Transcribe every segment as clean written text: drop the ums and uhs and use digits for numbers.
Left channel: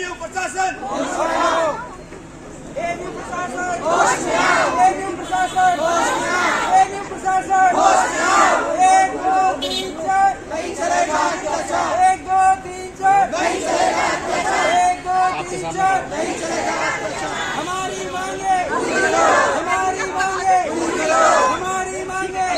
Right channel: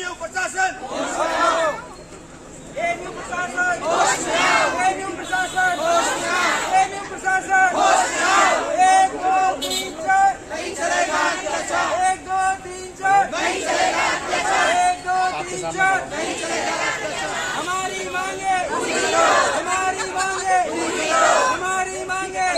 AMU प्रशासन AMU प्रशासन AMU प्रशासन एएमयू प्रशासन 1 2 3 4 नहीं चलेगा अत्याचार 1 2 3 4 नहीं चलेगा अत्याचार 1 2 3 4 नहीं चलेगा अत्याचार हमारी मांगे हमारी मांगे हमारी मांगे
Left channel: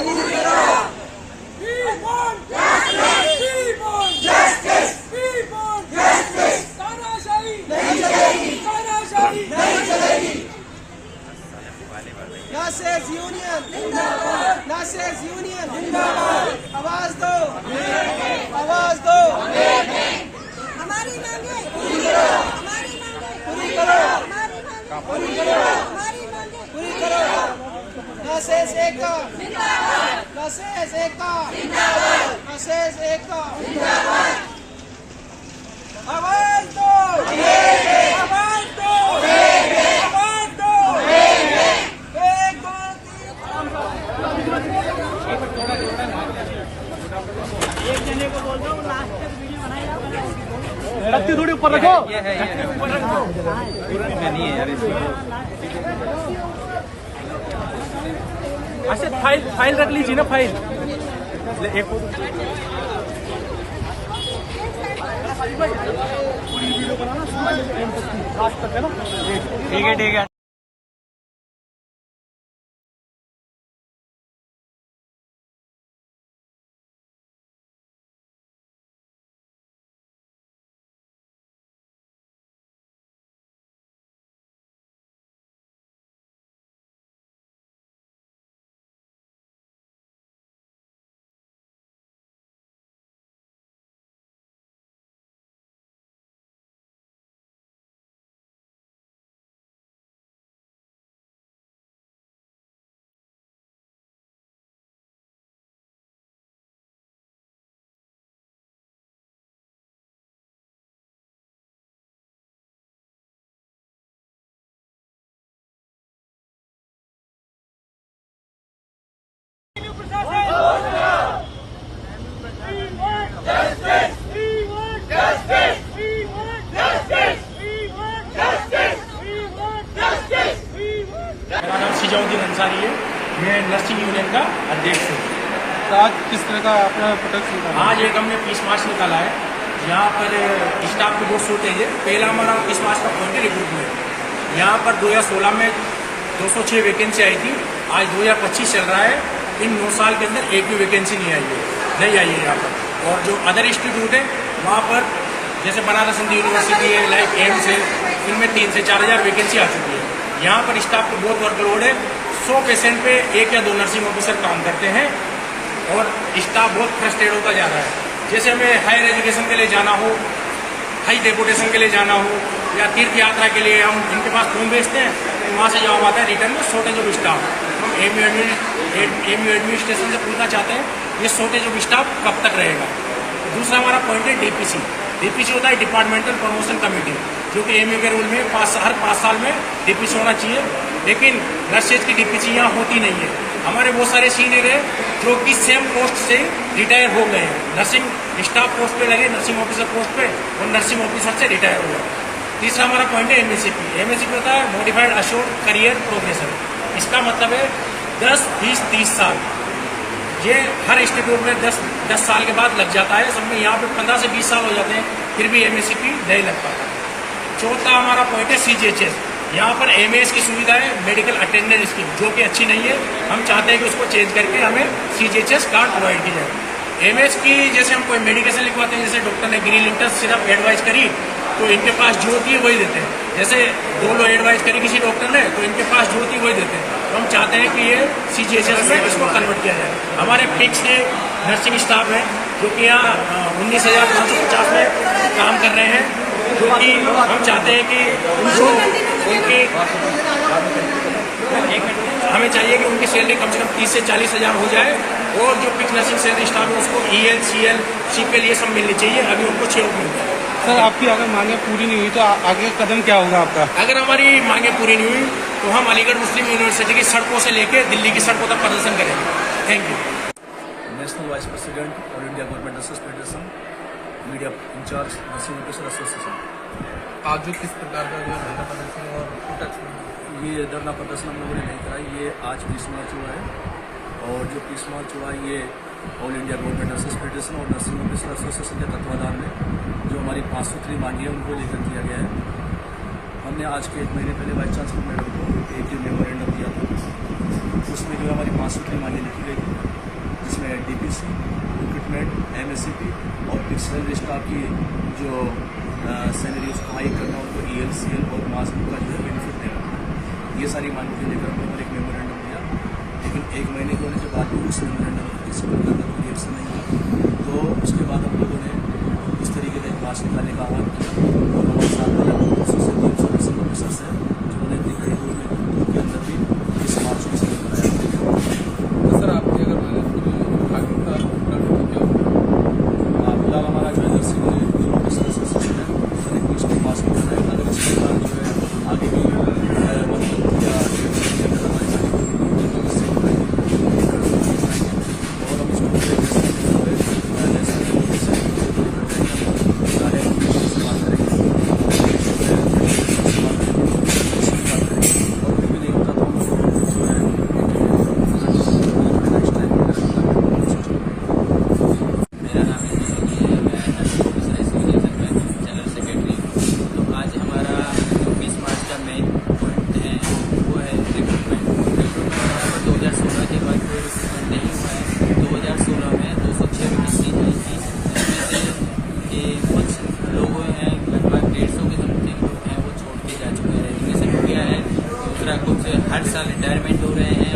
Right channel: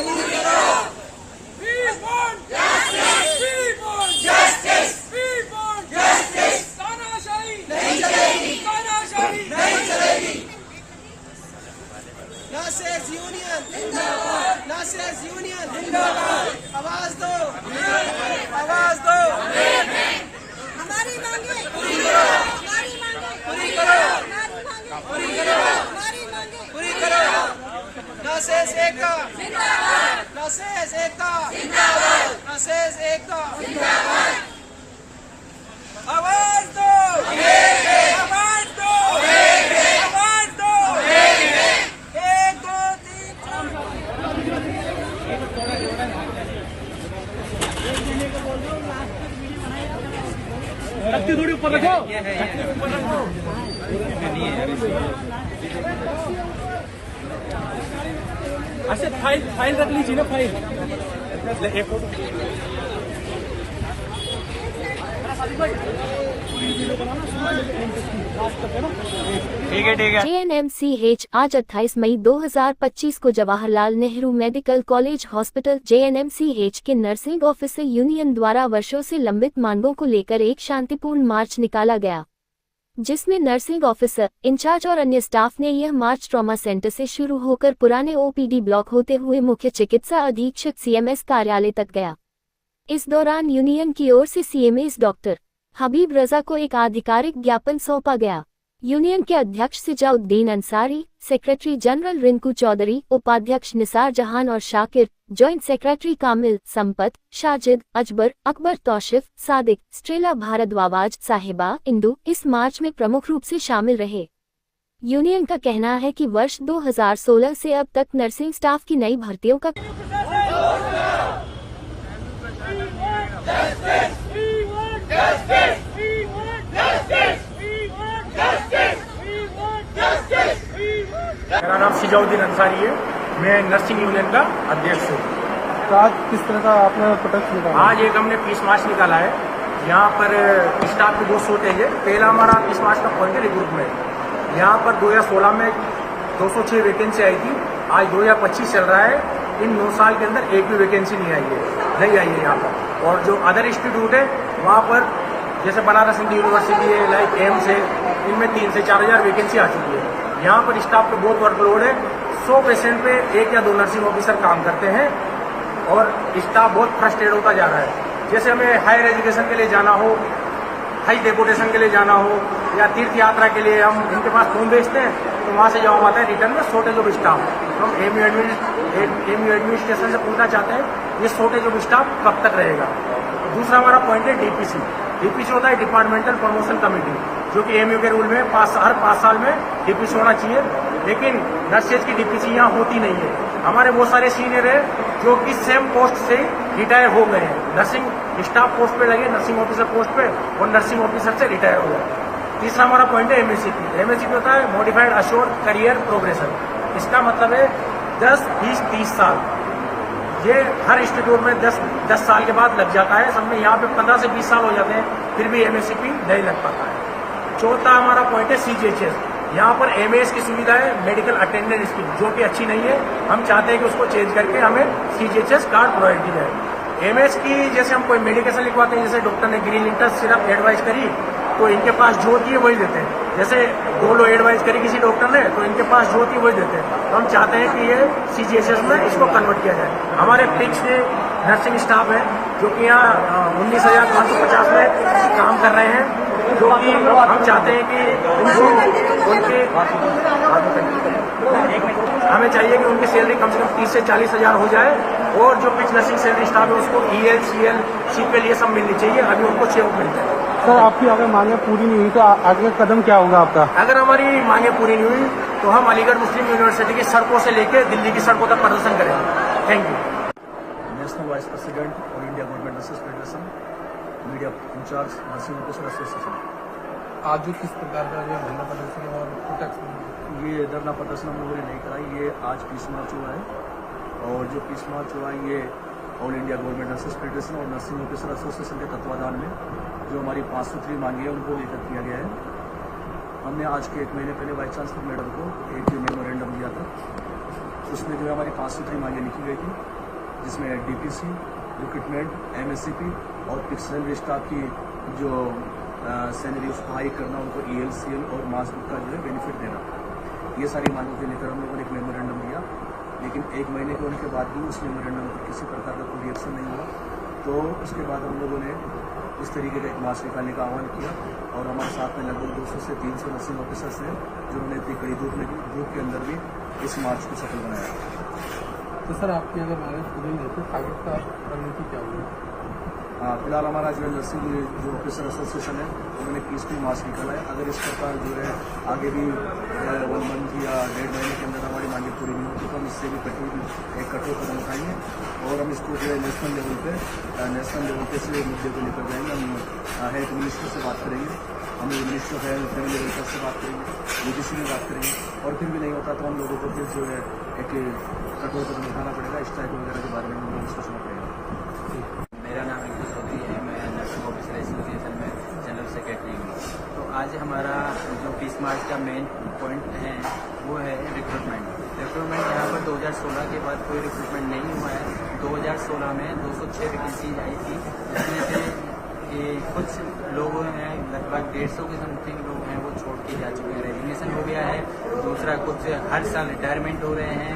We want justice! We want justice! We want justice! तानाशाही नहीं चलेगी तानाशाही नहीं चलेगी नर्सेज यूनियन जिंदाबाद नर्सेज यूनियन जिंदाबाद आवाज दो आवाज दो हमारी मांगे पूरी करो पूरी करो पूरी करो पूरी करो नर्सेज एकता नर्सेज एकता नर्सेज एकता आवाज दो आवाज दो आवाज दो 1 2 3 शक्ति थोड़ी ऊपर रखो अच्छा फाइल रख लीजिए ना फाइल एक ठीक है JNMCH आज 28 मई 2025 को Jawaharlal Nehru medical college hospital JNMCH के नर्सिंग ऑफिसर यूनियन द्वारा वर्षों से लंबित मांगों को लेकर एक शांतिपूर्ण मार्च निकाला गया, जिसमें नर्सिंग ऑफिसर इंचार्ज और अन्य स्टाफ ने यह मार्च ट्रॉमा सेंटर से शुरू होकर पुराने OPD ब्लॉक होते हुए मुख्य चिकित्सा अधीक्षक CMS कार्यालय तक गया। इस दौरान यूनियन की ओर से CMS डॉक्टर हबीब रजा को एक आधिकारिक ज्ञापन सौंपा गया। यूनियन के अध्यक्ष सिजाउद्दीन अंसारी, सेक्रेटरी जनरल रिंकू चौधरी, उपाध्यक्ष निसार जहान और शाकिर, जॉइंट सेक्रेटरी कामिल, संपत, शाजिद, अजबर, अकबर, तौशिफ, सादिक, स्ट्रेला भारद्वाज, साहिबा, इंदु इस मार्च में प्रमुख रूप से शामिल रहे। यूनियन का कहना है कि वर्ष 2016 से अब तक नर्सिंग स्टाफ की नई भर्तियों का मेरा नाम सिजाउद्दीन अंसारी है, मैं नर्सिंग यूनियन का अध्यक्ष हूँ। तो आज किस तरह का आपने प्रोटेस्ट निकाला? आज एक हमने पीस मार्च निकाला है। यहाँ पर स्टाफ की बहुत शॉर्टेज है। पहला हमारा पीस मार्च का पॉइंट है रिक्रूटमेंट। यहाँ पर 2016 में 206 वैकेंसी आई थी, आज 2025 चल रहा है। इन 9 साल के अंदर एक भी वैकेंसी नहीं आई है यहाँ पर। और जो अदर इंस्टीट्यूट है वहाँ पर जैसे बनारस हिंदू यूनिवर्सिटी है, लाइक एम्स है, इनमें 3 से 4 हज़ार वैकेंसी आ चुकी है। यहाँ पर स्टाफ को बहुत वर्कलोड है। 100 पेशेंट पे 1 या 2 नर्सिंग ऑफिसर काम करते हैं और स्टाफ बहुत फ्रस्ट्रेट होता जा रहा है। जैसे हमें हायर एजुकेशन के लिए जाना हो, हाई डेपुटेशन के लिए जाना हो या तीर्थ यात्रा के लिए हम इनके पास फॉर्म भेजते हैं तो वहाँ से जवाब आता है रिटर्न में शॉर्टेज ऑफ स्टाफ। हम एमयू एडमिनिस्ट्रेशन से पूछना चाहते हैं ये शॉर्टेज ऑफ स्टाफ कब तक रहेगा। दूसरा हमारा पॉइंट है डीपीसी होता है डिपार्टमेंटल प्रमोशन कमेटी, जो कि एमयू के रूल में हर 5 साल में डीपीसी होना चाहिए, लेकिन नर्सेज की डीपीसी यहाँ होती नहीं है। हमारे बहुत सारे सीनियर है जो कि सेम पोस्ट से रिटायर हो गए हैं, नर्सिंग स्टाफ पोस्ट पे लगे, नर्सिंग ऑफिसर पोस्ट पे और नर्सिंग ऑफिसर से रिटायर हुआ। तीसरा हमारा पॉइंट है एमएससीपी होता है मॉडिफाइड अश्योर्ड करियर प्रोग्रेशन। इसका मतलब है 10, 20, 30 साल। ये हर इंस्टीट्यूट में 10 साल के बाद लग जाता है, सब में यहाँ पे 15 से 20 साल हो जाते हैं, फिर भी एमएससीपी नहीं लग पाता है। चौथा हमारा पॉइंट है CGHS। यहाँ पर एमएस की सुविधा है, मेडिकल अटेंडेंट स्कीम, जो कि अच्छी नहीं है। हम चाहते हैं कि उसको चेंज करके हमें CGHS कार्ड प्रोवाइड की जाए। एमएस की जैसे हम कोई मेडिकेशन लिखवाते हैं, जैसे डॉक्टर ने ग्रीन लिंटर सिर्फ एडवाइस करी तो इनके पास जो होती है वही देते हैं। जैसे डोलो एडवाइस करी किसी डॉक्टर ने तो इनके पास जो होती है वही देते हैं। तो हम चाहते हैं कि ये CGHS में इसको कन्वर्ट किया जाए। हमारे फिक्स नर्सिंग स्टाफ है जो कि यहाँ 19,550 में काम कर रहे हैं, जो कि हम चाहते हैं कि उनके हमें चाहिए कि उनकी सैलरी कम से कम 30 से 40 हज़ार हो जाए, और जो फिक्स नर्सिंग सैलरी स्टाफ है उसको EL, CL, CPL ये सब मिलनी चाहिए। अभी उनको 6 मिलते हैं। सर आपकी अगर मांगे पूरी नहीं हुई तो आगे कदम क्या होगा आपका? अगर हमारी मांगे पूरी नहीं हुई तो हम अलीगढ़ मुस्लिम यूनिवर्सिटी की सड़कों से लेकर दिल्ली की सड़कों तक प्रदर्शन करेंगे। Thank you. National vice president all India government nurses federation, media incharge, nursing officer association. आज जो किस प्रकार का जो धरना प्रदर्शन और प्रोटेस्ट ये धरना प्रदर्शन हम लोगों ने नहीं करा, ये आज पीस मार्च हुआ है। और जो पीस मार्च हुआ ये all India government nurses federation और नर्सिंग ऑफिसर एसोसिएशन के तत्वाधान में जो हमारी 5 सूत्री मांगी है उनको लेकर किया गया है। हमने आज के 1 महीने पहले वाइस चांसलर मैडम को एक मेमोरेंडम दिया था, उसमें जो है हमारी 5 सूत्री मांगे लिखी गई थी, जिसमें DPC, रिक्रूटमेंट, MSCP और पिक्सल स्टाफ की जो सैलरी उसको हाई करना, उनको ELCL और मास बुक का जो है बेनिफिट देना था। ये सारी मांगों को लेकर हम लोगों ने एक मेमोरेंडम दिया, लेकिन 1 महीने के होने के बाद भी उस मेमोरेंडम पर किसी प्रकार का कोई रिएक्शन नहीं हुआ। तो उसके बाद हम लोगों ने इस तरीके का एक मार्च निकालने का आह्वान किया और हमारे साथ में लगभग 200 से 300 नर्सिंग ऑफिसर्स हैं जिन्होंने इतनी कड़ी दूर में दूर के अंदर भी इस मार्च को सफल बनाया। तो सर आपकी अगर फिलहाल हमारा जो है नर्सिंग ऑफिसर एसोसिएशन है, उन्होंने पीसफुल मार्च निकाला है। अगर इस प्रकार जो है आगे भी 1 मंथ या 1.5 महीने के अंदर हमारी मांगे पूरी नहीं होगी तो इससे भी कहीं एक कड़ी बनाएंगे और हम इसको नेशनल लेवल पे से लेकर जाएंगे। हम है से बात करेंगे बात करेंगे और फिर भी नहीं होता तो हम लोगों को फिर जो है एक बनाना पड़ेगा इस टाइम मेरा नाम है, मैं नर्सिंग ऑफिसर एसोसिएशन में जनरल सेक्रेटरी हूँ। तो आज हमारा जो 20 मार्च का मेन पॉइंट है वो है रिक्रूटमेंट। यहाँ पर 2016 के बाद कोई रिक्रूटमेंट नहीं हुआ है। 2016 में 206 वैकेंसी आई थी, जिसमें से कि कुछ लोग हैं लगभग 150 के समथिंग लोग हैं वो छोड़ के जा चुके हैं, रेजिग्नेशन हो गया है। दूसरा कुछ हर साल रिटायरमेंट हो रहे हैं,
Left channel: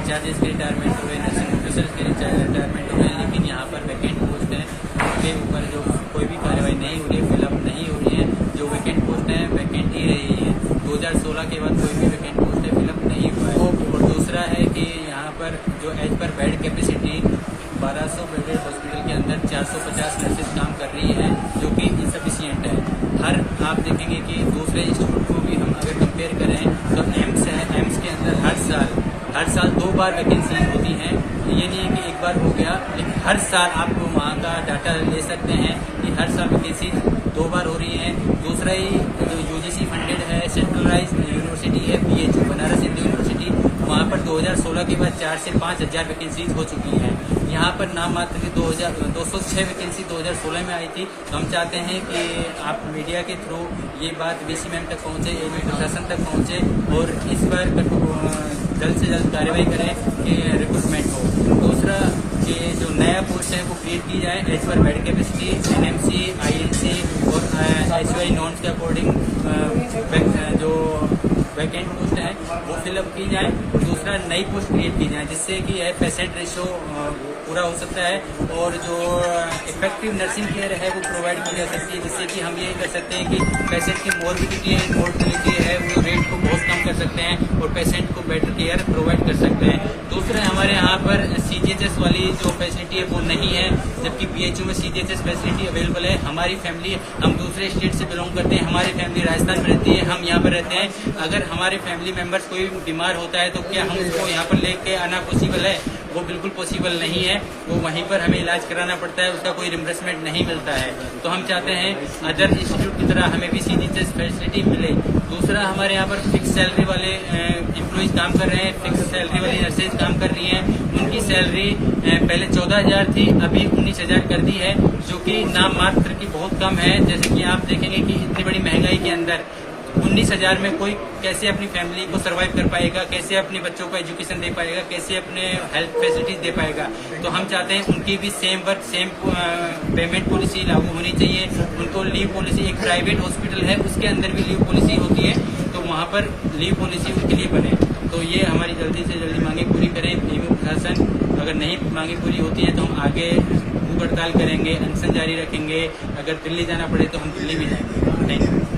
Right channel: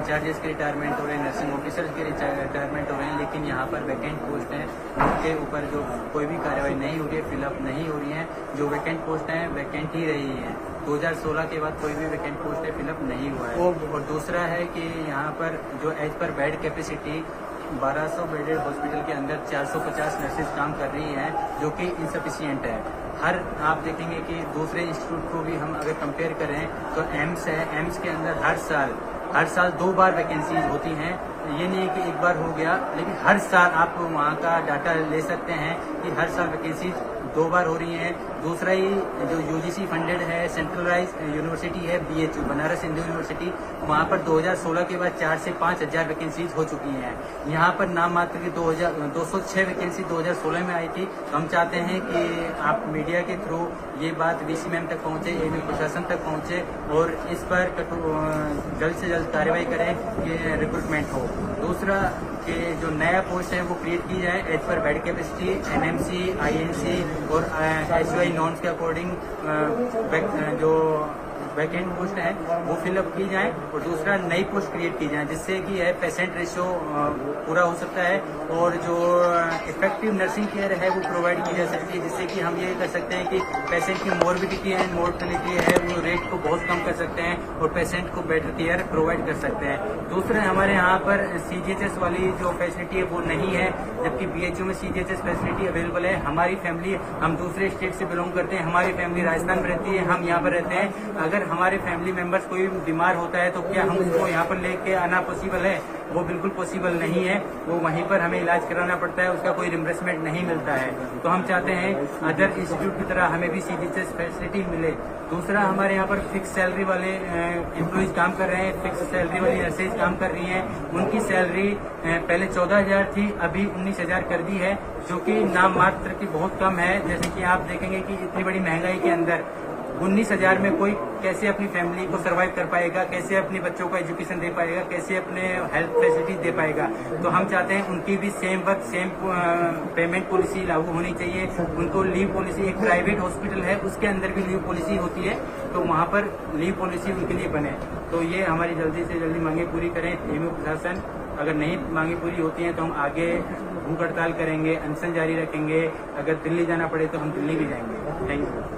इंचार्जेस के रिटायरमेंट हो रहे हैं, नर्सिंग ऑफिसर्स के रिटायरमेंट हो रहे हैं, लेकिन यहाँ पर वैकेंट पोस्ट हैं उनके ऊपर जो कोई भी कार्रवाई नहीं हो रही है, फिलअप नहीं हो रही है। जो वैकेंट पोस्ट हैं वैकेंट ही रही है। 2016 के बाद कोई भी वैकेंट पोस्ट है फिलअप नहीं हुआ है। और दूसरा है कि यहाँ पर जो as per bed capacity 1200 bedded hospital के अंदर 450 नर्सेज काम कर रही हैं, जो कि इंसफिशियंट है। आप देखेंगे कि दूसरे इंस्टीट्यूट को भी हम अगर कंपेयर करें तो एम्स है, एम्स के अंदर हर साल 2 बार वैकेंसी होती हैं। ये नहीं है कि एक बार हो गया, लेकिन हर साल आप वहाँ का डाटा ले सकते हैं कि हर साल वैकेंसी 2 बार हो रही हैं। दूसरा ही जो UGC फंडेड है सेंट्रलाइज यूनिवर्सिटी है BHU बनारस हिंदू यूनिवर्सिटी, वहाँ पर 2016 के बाद 4 से 5 हज़ार वैकेंसीज हो चुकी हैं। यहाँ पर नाम मात्र की 206 वैकेंसी 2016 में आई थी। तो हम चाहते हैं कि आप मीडिया के थ्रू ये बात DC मैम तक पहुँचे, AMU प्रशासन तक पहुँचे और इस पर जल्द से जल्द कार्रवाई करें कि रिक्रूटमेंट हो। दूसरा कि जो नया पोस्ट है वो क्रिएट की जाए as per bed capacity, NMC, INC और HY नॉर्म्स के अकॉर्डिंग जो वैकेंट पोस्ट है वो फिलअप की जाए और दूसरा नई पोस्ट क्रिएट की जाए, जिससे कि यह पेशेंट रेशो पूरा हो सकता है और जो इफेक्टिव नर्सिंग केयर है वो प्रोवाइड की जा सकती है, जिससे कि हम ये कर सकते हैं कि पेशेंट की मॉर्बिडिटी एंड मोर्टेलिटी है वो रेट को बहुत कम कर सकते हैं और पेशेंट को बेटर केयर प्रोवाइड कर सकते हैं। दूसरा हमारे यहाँ पर CGHS वाली जो फैसिलिटी है वो नहीं है, जबकि BHU में CGHS फैसिलिटी अवेलेबल है। हमारी फैमिली, हम दूसरे स्टेट से बिलोंग करते हैं, हमारी फैमिली राजस्थान में रहती है, हम यहाँ पर रहते हैं। अगर हमारे फैमिली मेंबर्स कोई बीमार होता है तो क्या हम उसको यहाँ पर लेके आना पॉसिबल है? वो बिल्कुल पॉसिबल नहीं है। वो वहीं पर हमें इलाज कराना पड़ता है, उसका कोई रिम्बर्समेंट नहीं मिलता है। तो हम चाहते हैं अदर इंस्टीट्यूट की तरह हमें भी CGHS फैसिलिटी मिले। दूसरा हमारे यहाँ पर फिक्स सैलरी वाले एम्प्लॉइज काम कर रहे हैं, फिक्स सैलरी वाली नर्सेज काम कर रही हैं। उनकी सैलरी पहले 14,000 थी, अभी 19,000 कर दी है, जो कि नाम मात्र की बहुत कम है। जैसे कि आप देखेंगे कि इतनी बड़ी महंगाई के अंदर 19,000 में कोई कैसे अपनी फैमिली को सर्वाइव कर पाएगा, कैसे अपने बच्चों को एजुकेशन दे पाएगा, कैसे अपने हेल्थ फैसिलिटीज दे पाएगा। तो हम चाहते हैं उनकी भी same work same payment policy लागू होनी चाहिए। उनको लीव पॉलिसी, एक प्राइवेट हॉस्पिटल है उसके अंदर भी लीव पॉलिसी होती है, तो वहाँ पर लीव पॉलिसी उनके लिए बने। तो ये हमारी जल्दी से जल्दी मांगे पूरी करें AMU प्रशासन। अगर नहीं मांगे पूरी होती हैं तो हम आगे भूख हड़ताल करेंगे, अनशन जारी रखेंगे। अगर दिल्ली जाना पड़े तो हम दिल्ली भी जाएंगे। Thank you.